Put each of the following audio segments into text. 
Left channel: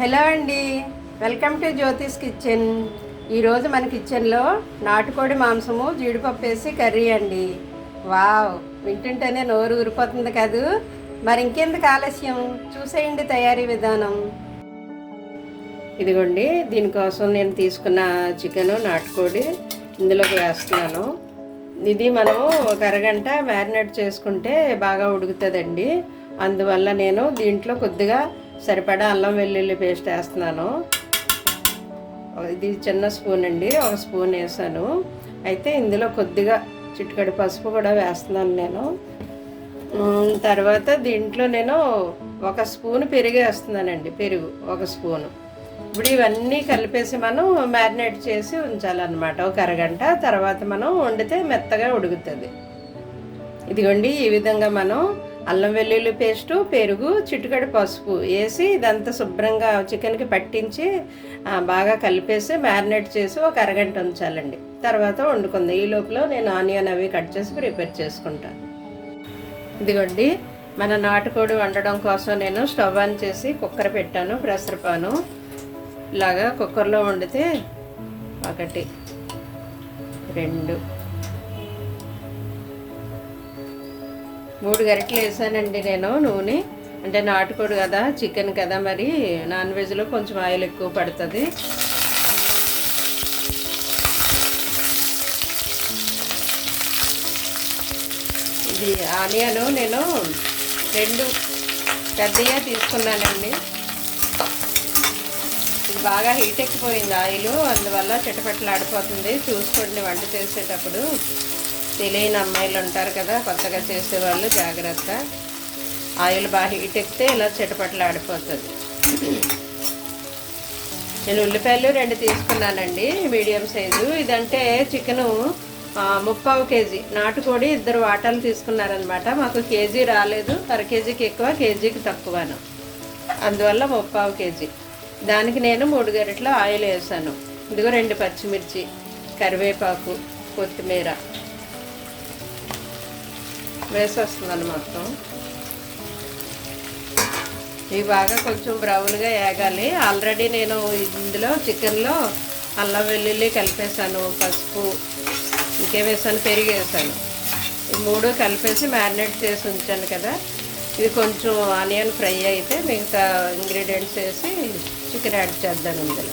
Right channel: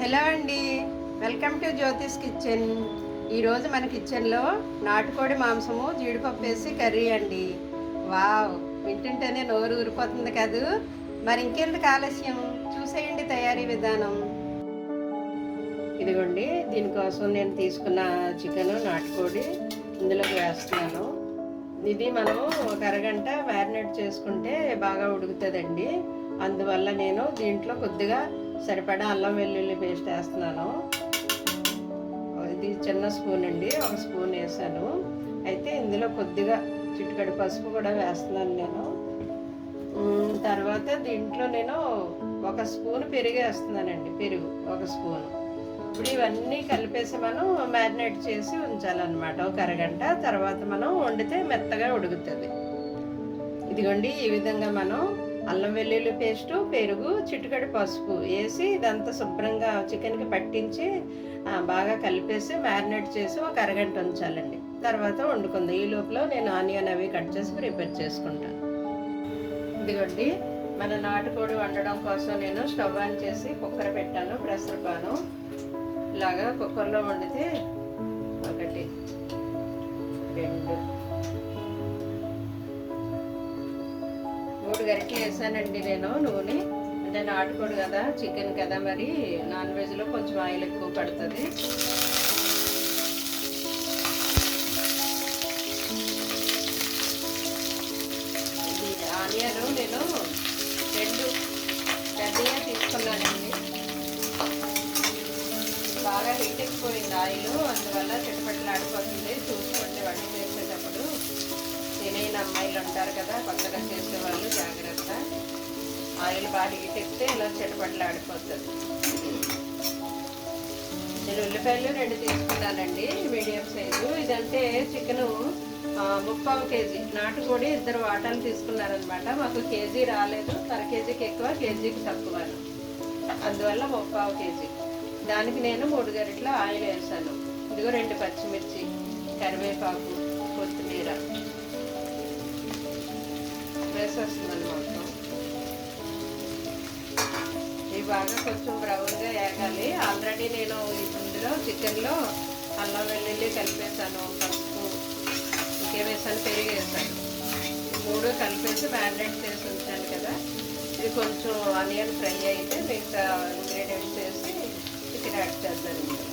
Hello అండి. Welcome to Jyotish kitchen. ఈరోజు మన కిచెన్లో నాటుకోడి మాంసము జీడిపప్పు వేసి కర్రీ అండి. వావ్ వింటుంటేనే నోరు ఊరిపోతుంది కదూ. మరి ఇంకెందుకు ఆలస్యం? చూసేయండి తయారీ విధానం. ఇదిగోండి దీనికోసం నేను తీసుకున్న చికెను నాటుకోడి ఇందులోకి వేస్తున్నాను. ఇది మనము ఒక అరగంట మ్యారినేట్ చేసుకుంటే బాగా ఉడుకుతుందండి. అందువల్ల నేను దీంట్లో కొద్దిగా సరిపడా అల్లం వెల్లుల్లి పేస్ట్ వేస్తున్నాను. ఇది చిన్న స్పూన్ అండి ఒక స్పూన్ వేసాను. అయితే ఇందులో కొద్దిగా చిటికడి పసుపు కూడా వేస్తున్నాను నేను. తర్వాత దీంట్లో నేను ఒక స్పూన్ పెరుగు వేస్తున్నానండి పెరుగు ఒక స్పూను. ఇప్పుడు ఇవన్నీ కలిపేసి మనం మ్యారినేట్ చేసి ఉంచాలన్నమాట. ఒక అరగంట తర్వాత మనం వండితే మెత్తగా ఉడుకుతుంది. ఇదిగోండి ఈ విధంగా మనం అల్లం వెల్లుల్లి పేస్టు పెరుగు చిటికడి పసుపు వేసి ఇదంతా శుభ్రంగా చికెన్కి పట్టించి బాగా కలిపేసి మ్యారినేట్ చేసి ఒక అరగంట ఉంచాలండి. తర్వాత వండుకుంది. ఈ లోపల నేను ఆనియన్ అవి కట్ చేసి ప్రిపేర్ చేసుకుంటాను ఇదిగోండి. మన నాటుకోడి వండడం కోసం నేను స్టవ్ ఆన్ చేసి కుక్కర్ పెట్టాను ప్రెషర్ పాను ఇలాగా కుక్కర్లో వండితే ఒకటి రెండు. మూడు గరిటలు వేసానండి నేను నూనె. అంటే నాటుకోడు కదా చికెన్ కదా మరి. నాన్ వెజ్లో కొంచెం ఆయిల్ ఎక్కువ పడుతుంది. ఇది ఆనియను నేను రెండు పెద్దగా తీసుకున్నానండి. ఇది బాగా హీట్ ఎక్కిపోయింది ఆయిల్ అందువల్ల చిటపట్లాడిపోతుంది. చూసుకోండి వంట చేసేటప్పుడు. తెలియని అమ్మాయిలు ఉంటారు కదా కొత్తగా చేసేవాళ్ళు జాగ్రత్త. ఆయిల్ బాగా హీట్ ఎక్కితే ఇలా చిటపట్లాడిపోతుంది నేను ఉల్లిపాయలు రెండు తీసుకున్నానండి మీడియం సైజు. ఇదంటే చికెను ముప్పావు కేజీ. నాటుకోడి ఇద్దరు వాటాలు తీసుకున్నారనమాట. మాకు కేజీ రాలేదు. అర కేజీకి ఎక్కువ కేజీకి తక్కువను. అందువల్ల ముప్పావు కేజీ. దానికి నేను మూడు గరిటెలు ఆయిల్ వేసాను. ఇదిగో రెండు పచ్చిమిర్చి కరివేపాకు కొత్తిమీర. వేసేస్తున్నాను మొత్తం. ఇవి బాగా కొంచెం బ్రౌన్గా వేగాలి ఆల్రెడీ నేను ఇందులో చికెన్లో అల్లం వెల్లుల్లి కలిపేసాను పసుపు ఇంకేం వేసాను పెరిగి వేసాను. ఈ మూడు కలిపేసి మ్యారినేట్ చేసి ఉంచాను కదా. ఇది కొంచెం ఆనియన్ ఫ్రై అయితే మిగతా ఇంగ్రీడియంట్స్ వేసి చికెన్ యాడ్ చేద్దాను ఇందులో.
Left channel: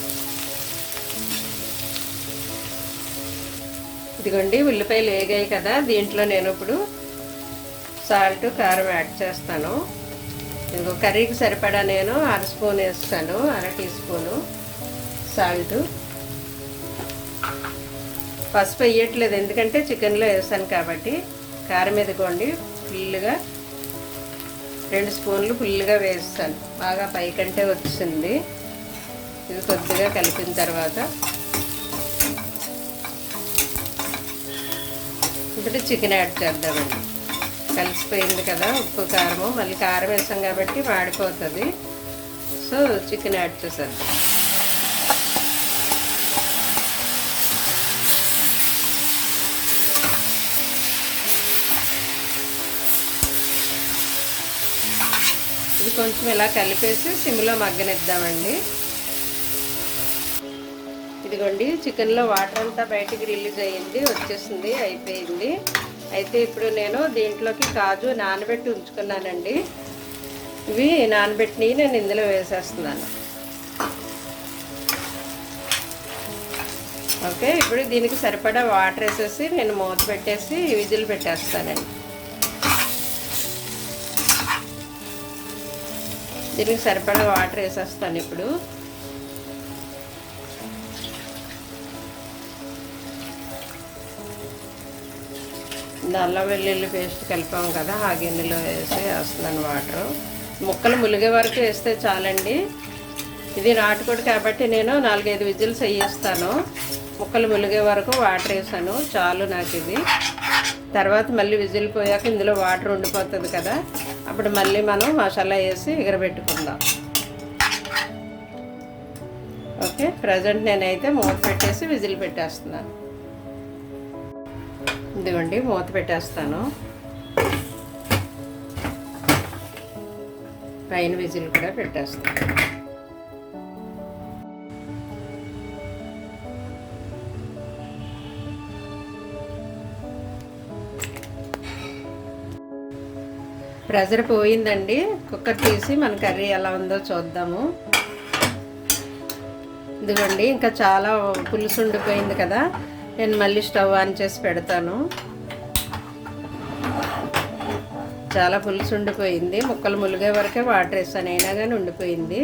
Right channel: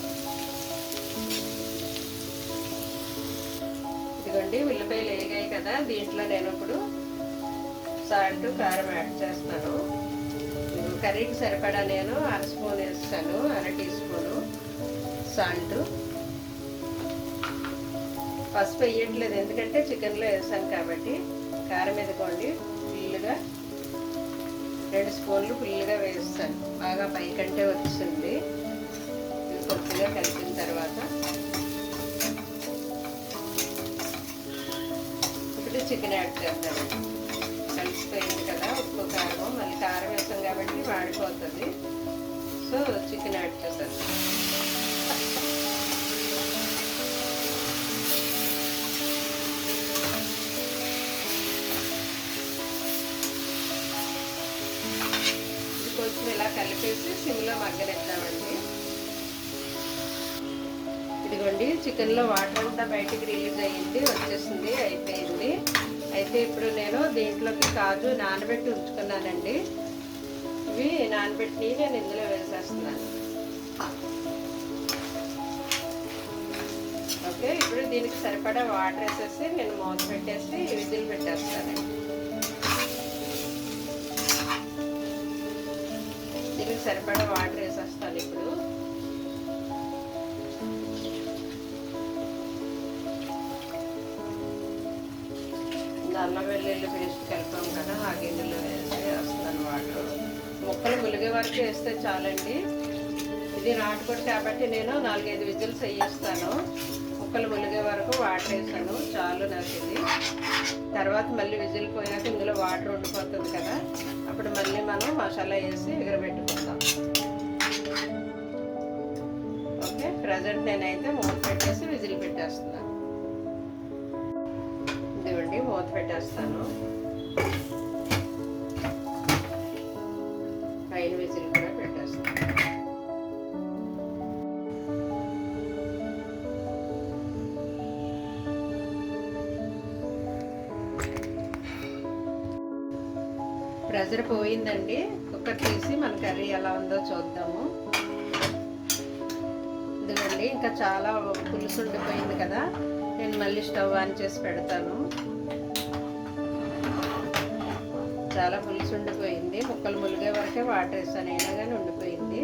ఇదిగోండి ఉల్లిపాయలు వేగాయి కదా. దీంట్లో నేను ఇప్పుడు సాల్ట్ కారం యాడ్ చేస్తాను. ఇంకో కర్రీకి సరిపడా నేను అర స్పూన్ వేస్తాను అర టీ స్పూను సాల్ట్. పసుపు వేయట్లేదు ఎందుకంటే చికెన్లో వేసాను కాబట్టి. కారం ఎదుకోండి ఫుల్గా రెండు స్పూన్లు ఫుల్గా వేస్తాను. బాగా పైకంటే వచ్చింది. ఇది కొద్దిగా కలిపిన తర్వాత. ఇప్పుడు చికెన్ యాడ్ చేద్దామండి. కలిసిపోయింది కదా ఉప్పు కారము. మళ్ళీ కారం వేసాం కాబట్టి మాడిపోతుంది సో చికెన్ యాడ్ చేసేద్దాం ఇది కొంచెం ఇలా కలిపేసి సిమ్లో మగ్గనిద్దామండి. ఇదిగోండి చికెన్లో వాటర్ అంతా బయటికి రిలీజ్ అయ్యింది వచ్చేసింది అయిపోయింది. అయితే ఇప్పుడు నేను దీంట్లోకి కాజు నానబెట్టి ఉంచుకున్నానండి. ఇవి నానబెట్టినవి నేను ఇందులో వేసేస్తున్నాను. ఓకే ఇప్పుడు దీనికి సరిపడా వాటర్ వేసేసి నేను మూత పెట్టేసి విజిల్ పెట్టేస్తానండి. దీనికి సరిపడా వాటర్ వేసేస్తాను ఇప్పుడు. ఇది అల్లం వెల్లుల్లి పేస్ట్ కలిపాం కదా ఆ గిన్నెలో వేసి వేస్తున్నాను వాటర్. ముక్కలు ములిగే వరకు వేస్తే చాలండి. ఇది నాటుకోడి కాబట్టి నేను నాలుగైదు విజిల్స్ వేయిస్తాను. ముక్కలు ములిగే వరకు వాటర్ వేసాను. చాలు నాకు ఇది. తర్వాత మళ్ళీ విజిల్ పోయాక ఇందులో వాటర్ ఉండిపోతుంది కదా అప్పుడు మళ్ళీ మనం మసాలా వేసి ఎగరబెట్టుకుందాం. ఓకే ప్రజెంట్ నేనైతే మూత పెట్టేసి విజిల్ పెట్టేస్తున్నాను. ఇదిగోండి మూత పెట్టేస్తాను. పైన విజిల్ కూడా పెట్టేస్తాను. ప్రెజర్ పోయిందండి. కుక్కర్ తీసి మన కర్రీ ఎలా ఉందో చూద్దాము. ఇదిగోండి ఇంకా చాలా పులుసు ఉండిపోయింది కదా. నేను మళ్ళీ స్టవ్ ఆన్ చేసి పెడతాను. చాలా పులుసు ఉండిపోయింది. ముక్కలు ములిగే వరకే వాటర్ వేసాను అయినా కానీ ఉండిపోయింది.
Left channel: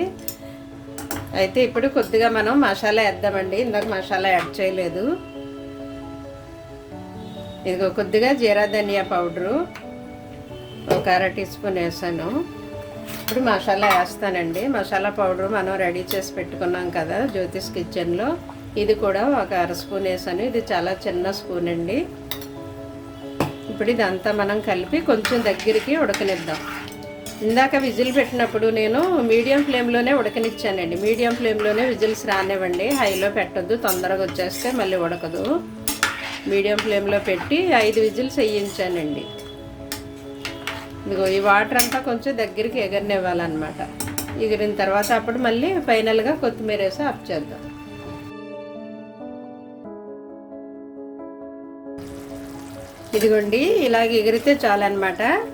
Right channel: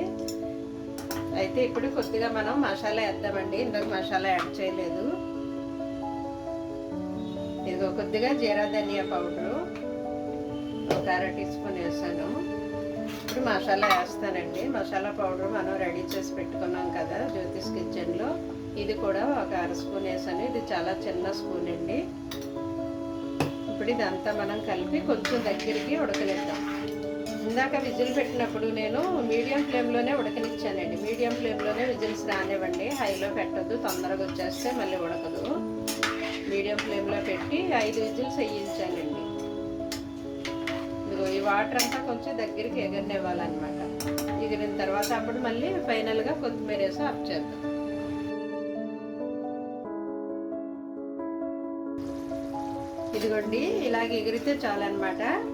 అయితే ఇప్పుడు కొద్దిగా మనం మసాలా వేద్దామండి. ఇందాక మసాలా యాడ్ చేయలేదు. ఇదిగో కొద్దిగా జీరా ధనియా పౌడరు. ఒక అర టీ స్పూన్ వేసాను. ఇప్పుడు మసాలా వేస్తానండి. మసాలా పౌడర్ మనం రెడీ చేసి పెట్టుకున్నాం కదా జ్యోతిష్ కిచెన్లో. ఇది కూడా ఒక అర స్పూన్ వేసాను. ఇది చాలా చిన్న స్పూన్ అండి. ఇప్పుడు ఇదంతా మనం కలిపి కొంచెం దగ్గరికి ఉడకనిద్దాం. ఇందాక విజిల్ పెట్టినప్పుడు నేను మీడియం ఫ్లేమ్లోనే ఉడకనిచ్చానండి. మీడియం ఫ్లేమ్లోనే విజిల్స్ రానివ్వండి. హైలో పెట్టద్దు తొందరగా వచ్చేస్తే మళ్ళీ ఉడకదు. మీడియం ఫ్లేమ్లో పెట్టి ఐదు విజిల్స్ వేయించానండి. ఇదిగో ఈ వాటర్ అంతా కొంచెం దగ్గరికి ఎగరనివ్వాలన్నమాట. ఎగిరిన తర్వాత అప్పుడు మళ్ళీ ఫైనల్గా కొత్తిమీర వేసి ఆఫ్ చేద్దాం. ఇదిగోండి ఇలాగ ఎగిరితే చాలన్నమాట.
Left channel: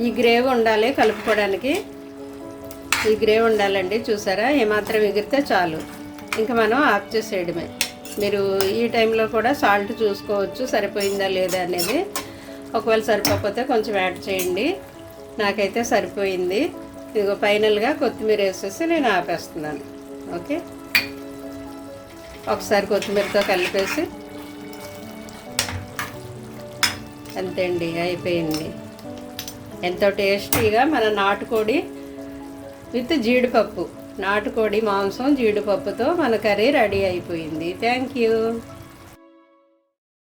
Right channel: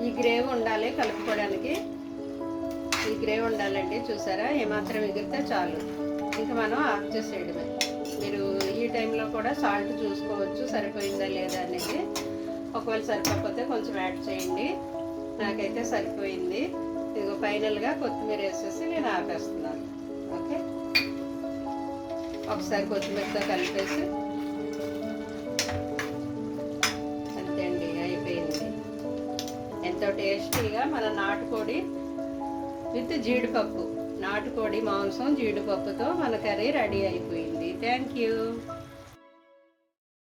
ఈ గ్రేవ్ ఉండాలి కలుపుకోవడానికి. ఈ గ్రేవ్ ఉండాలండి చూసారా? ఏమాత్రం ఎగిరితే చాలు. ఇంకా మనం ఆఫ్ చేసేయడమే. మీరు ఈ టైంలో కూడా సాల్ట్ చూసుకోవచ్చు సరిపోయిందా లేదా అనేది. ఒకవేళ సరిపోకపోతే కొంచెం యాడ్ చేయండి. నాకైతే సరిపోయింది. ఇదిగో ఫైనల్గా కొత్తిమీర వేసేసి నేను ఆపేస్తున్నాను. ఓకే? ఒకసారి కొత్తిమీరతో కలిపేసి అంతే అండి అయిపోయింది. ఎంతో టేస్టీగా మన నాటుకోడి విత్ జీడిపప్పు నాటుకోడి మాంసం జీడిపప్పుతో మన కర్రీ రెడీ అయిపోయింది. Thank you.